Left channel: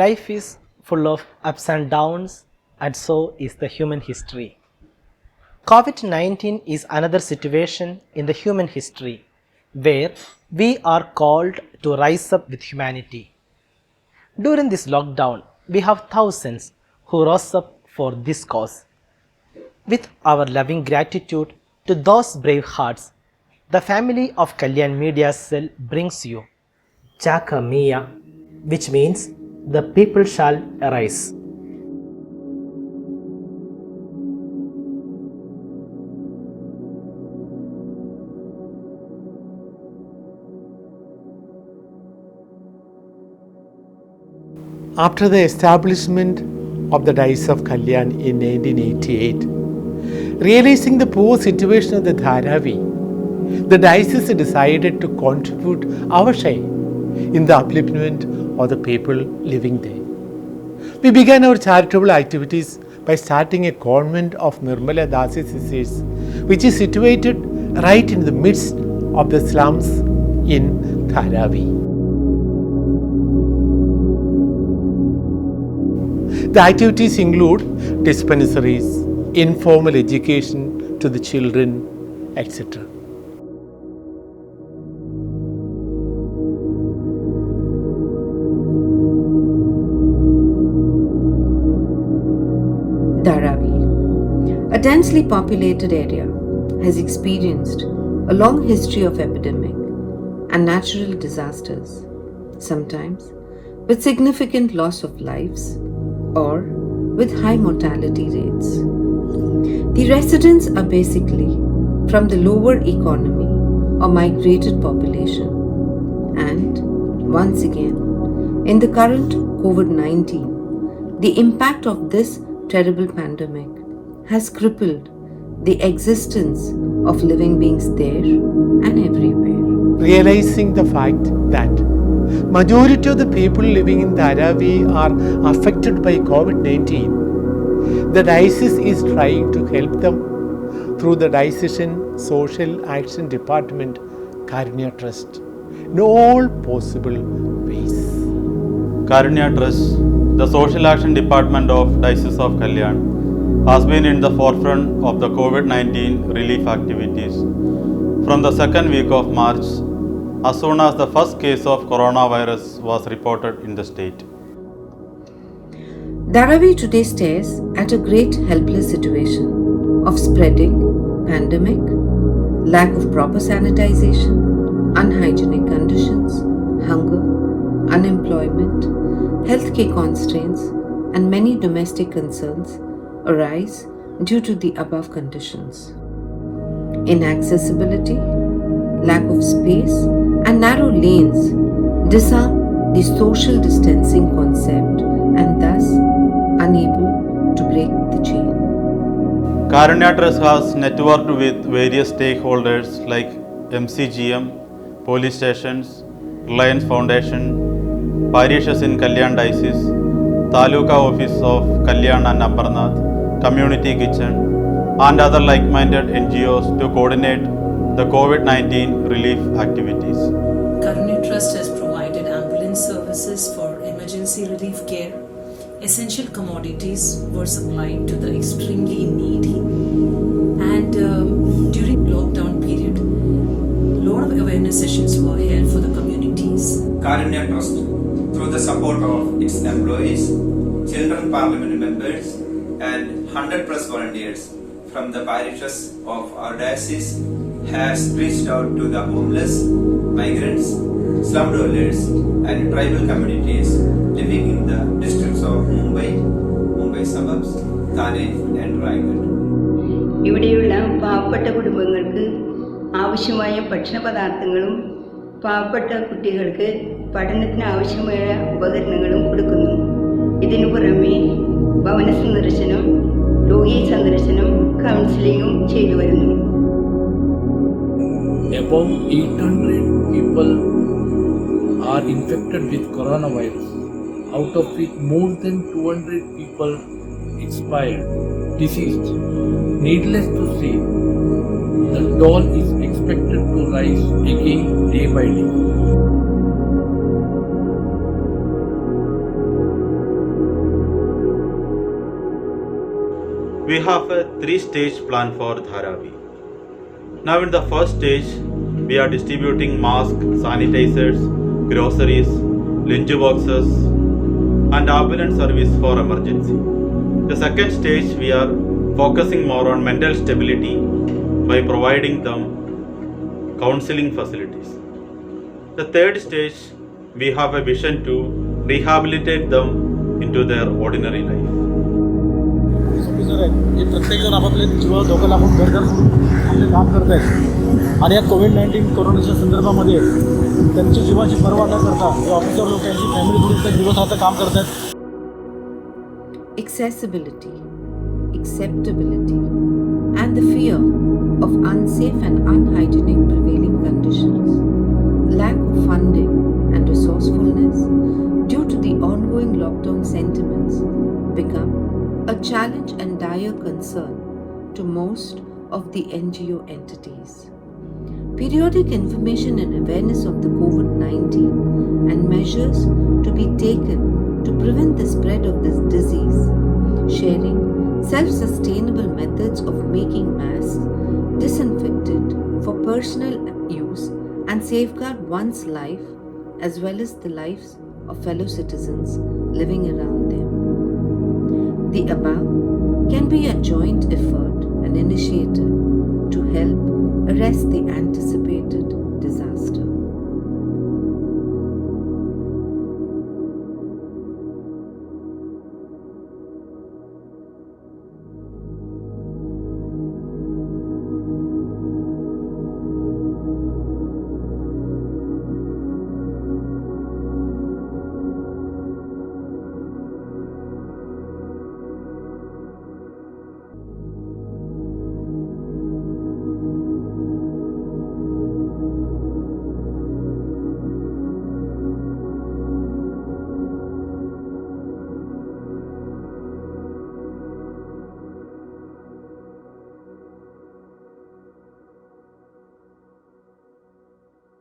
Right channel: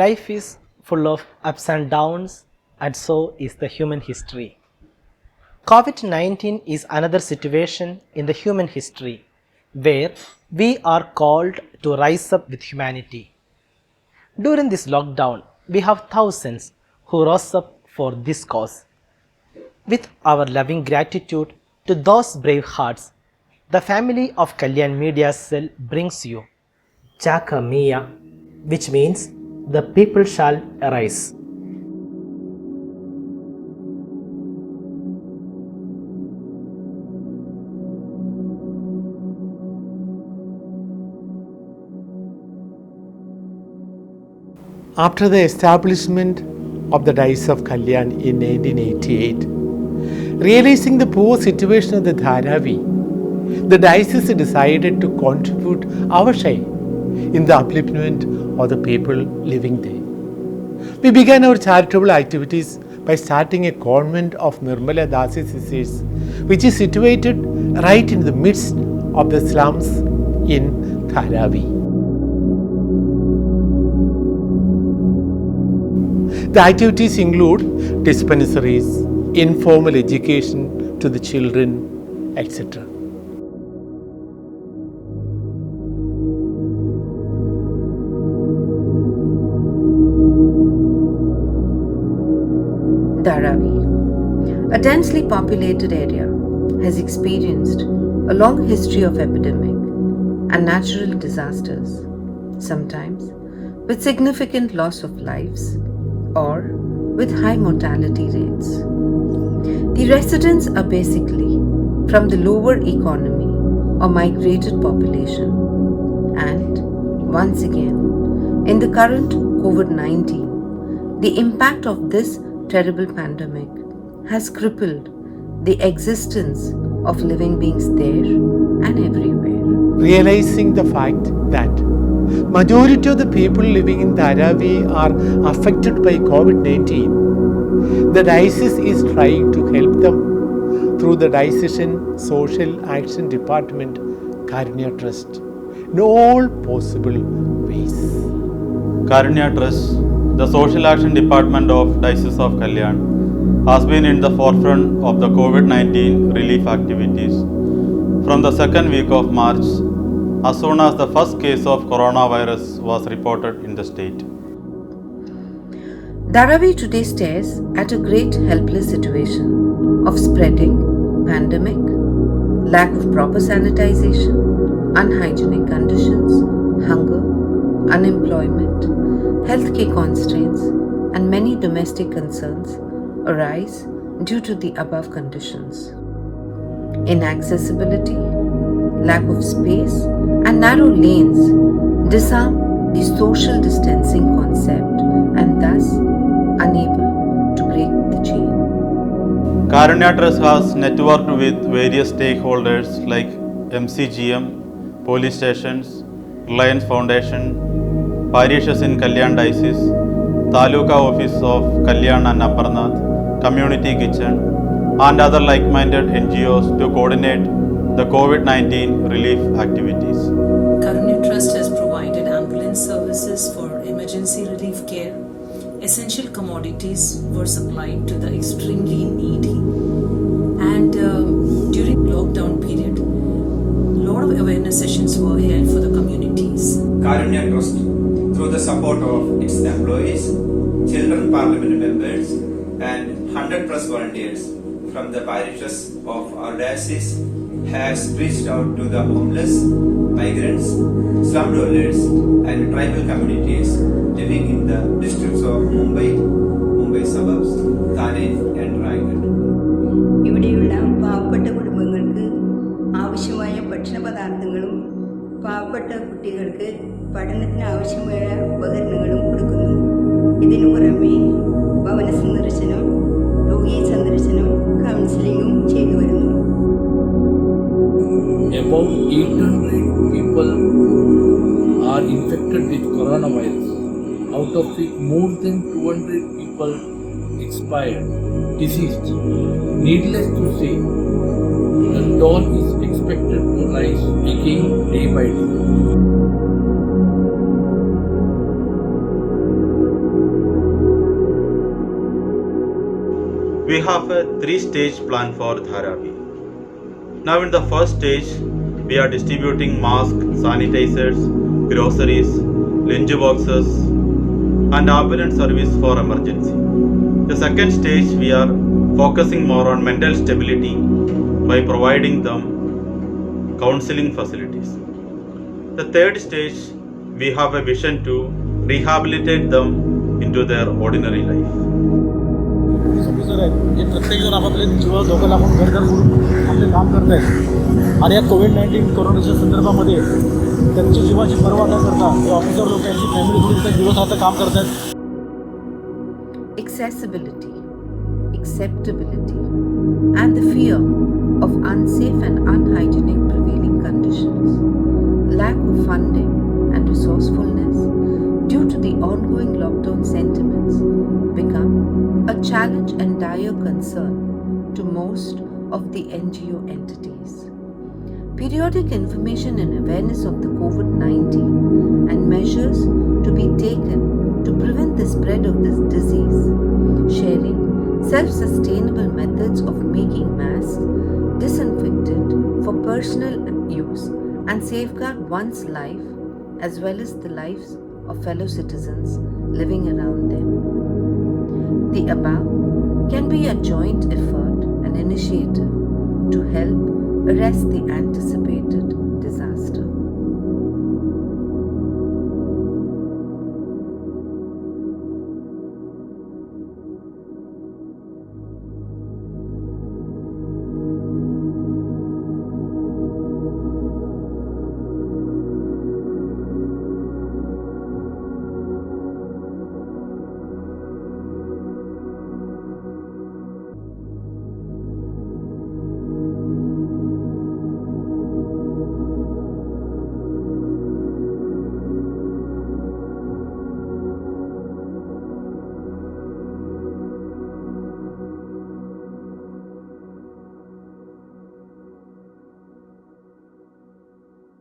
Life is full of ups and downs, and so is the human history. COVID-19 is another situation in the human history where we are called to rise up with humanity. During this lockdown, we have thousands who rose up for this cause. With our loving gratitude to those brave hearts, the family of Kalyan Media Cell brings you Jekamean, which means the people shall arise. After the establishment of the Diocese of Kalyan in 1988, realizing the poor situation of the Dharavi, the Diocese decided to contribute our share in the upliftment of the people living there. We began our charitable activities by starting a convent of Nirmala Dasi Sisters, which is situated right in the midst of the slums in Dharavi. The activities include dispensaries, informal education to the children, etc. Dharavi, a densely populated area, has experienced a long history of epidemic and natural disasters, sometimes with significant loss of lives or with high mortality rates. The residents are basically from the lower economy or migrated population, and once again, in the current COVID-19, the impact of this terrible pandemic has crippled the existence of living beings there and everywhere. Realizing the fact that majority of the people living in Dharavi are affected by COVID-19, the Diocese is trying to help them through the Diocesan Social Action Department Karunya Trust in all possible ways. Karunya Trust, the Social Action Department of Diocese of Kalyan, has been in the forefront of the COVID-19 relief activities from the second week of March, as soon as the first case of coronavirus was reported in the state. Dharavi today stares at a great helpless situation of spreading pandemic, lack of proper sanitization, unhygienic conditions, hunger, unemployment, healthcare constraints, and many domestic concerns arise due to the above conditions. Inaccessibility, lack of space, and narrow lanes disarm the social distancing concept and thus unable to break the chain. Karunya Trust has networked with various stakeholders like MCGM, police stations, Reliance Foundation, parishes in Kalyan Diocese, Taluka Office of Kalyan and Aparnath, Community Kitchen, and other like-minded NGOs to coordinate the COVID-19 relief activities. Karunya Trust has provided ambulance services for emergency relief care. Essential commodities were supplied to the extremely needy. And during lockdown period, a lot of awareness sessions were held for the communities. Karunya Trust, through the support of its employees, children parliament members, and 100 plus volunteers from the parishes of our diocese, has reached out to the homeless, migrants, slum dwellers, and tribal communities living in the districts of Mumbai suburbs, Thane, and Raigad. ഇവിടെയുള്ള പാവപ്പെട്ട കുടുംബങ്ങൾക്ക് ആവശ്യമായ ഭക്ഷണപദാർത്ഥങ്ങളും പാവപ്പെട്ട കുട്ടികൾക്ക് പഠനത്തിന് ആവശ്യമായ ഉപകരണങ്ങളും കൊടുക്കുന്നു. ഇതിനു പുറമെ ഭവന സന്ദർശനം, രോഗി സന്ദർശനം, കൗൺസിലിംഗും ചെയ്തു വരുന്നു. About 800 people are infected with coronavirus, out of which more than 200 people expired, deceased. Needless to say, the toll is expected to rise again day by day. We have a 3-stage plan for Dharavi. Now in the first stage, we are distributing masks, sanitizers, groceries, lunch boxes and ambulance service for emergency. The second stage, we are focusing more on mental stability by providing them counseling facilities. The third stage, we have a vision to rehabilitate them into their ordinary life. Police officer आहेत हे प्रत्येकजण आपापले जीवाला धोका लागून घर सोडून आपले काम करत आहेत आणि या कोविड-19 कोरोनाच्या संदर्भामध्ये त्यांच्या जीवाची पर्वा न करता हे ऑफिसर लोक यांची फॅमिली सोडून त्या दिवसरात्र काम करत आहेत. Accessibility, acceptability, and the fear of unsafe and unhygienic prevailing conditions, lack of funding and resourcefulness due to the ongoing lockdown sentiments become a challenge and dire concern to most of the NGO entities. Periodic information and awareness of the COVID-19 and measures to be taken to prevent the spread of this disease, sharing self-sustainable methods of making masks, disinfectant for personal use and safeguard one's life as well as the lives of fellow citizens living around them. The above can be a joint effort and initiative to help arrest the anticipated disaster.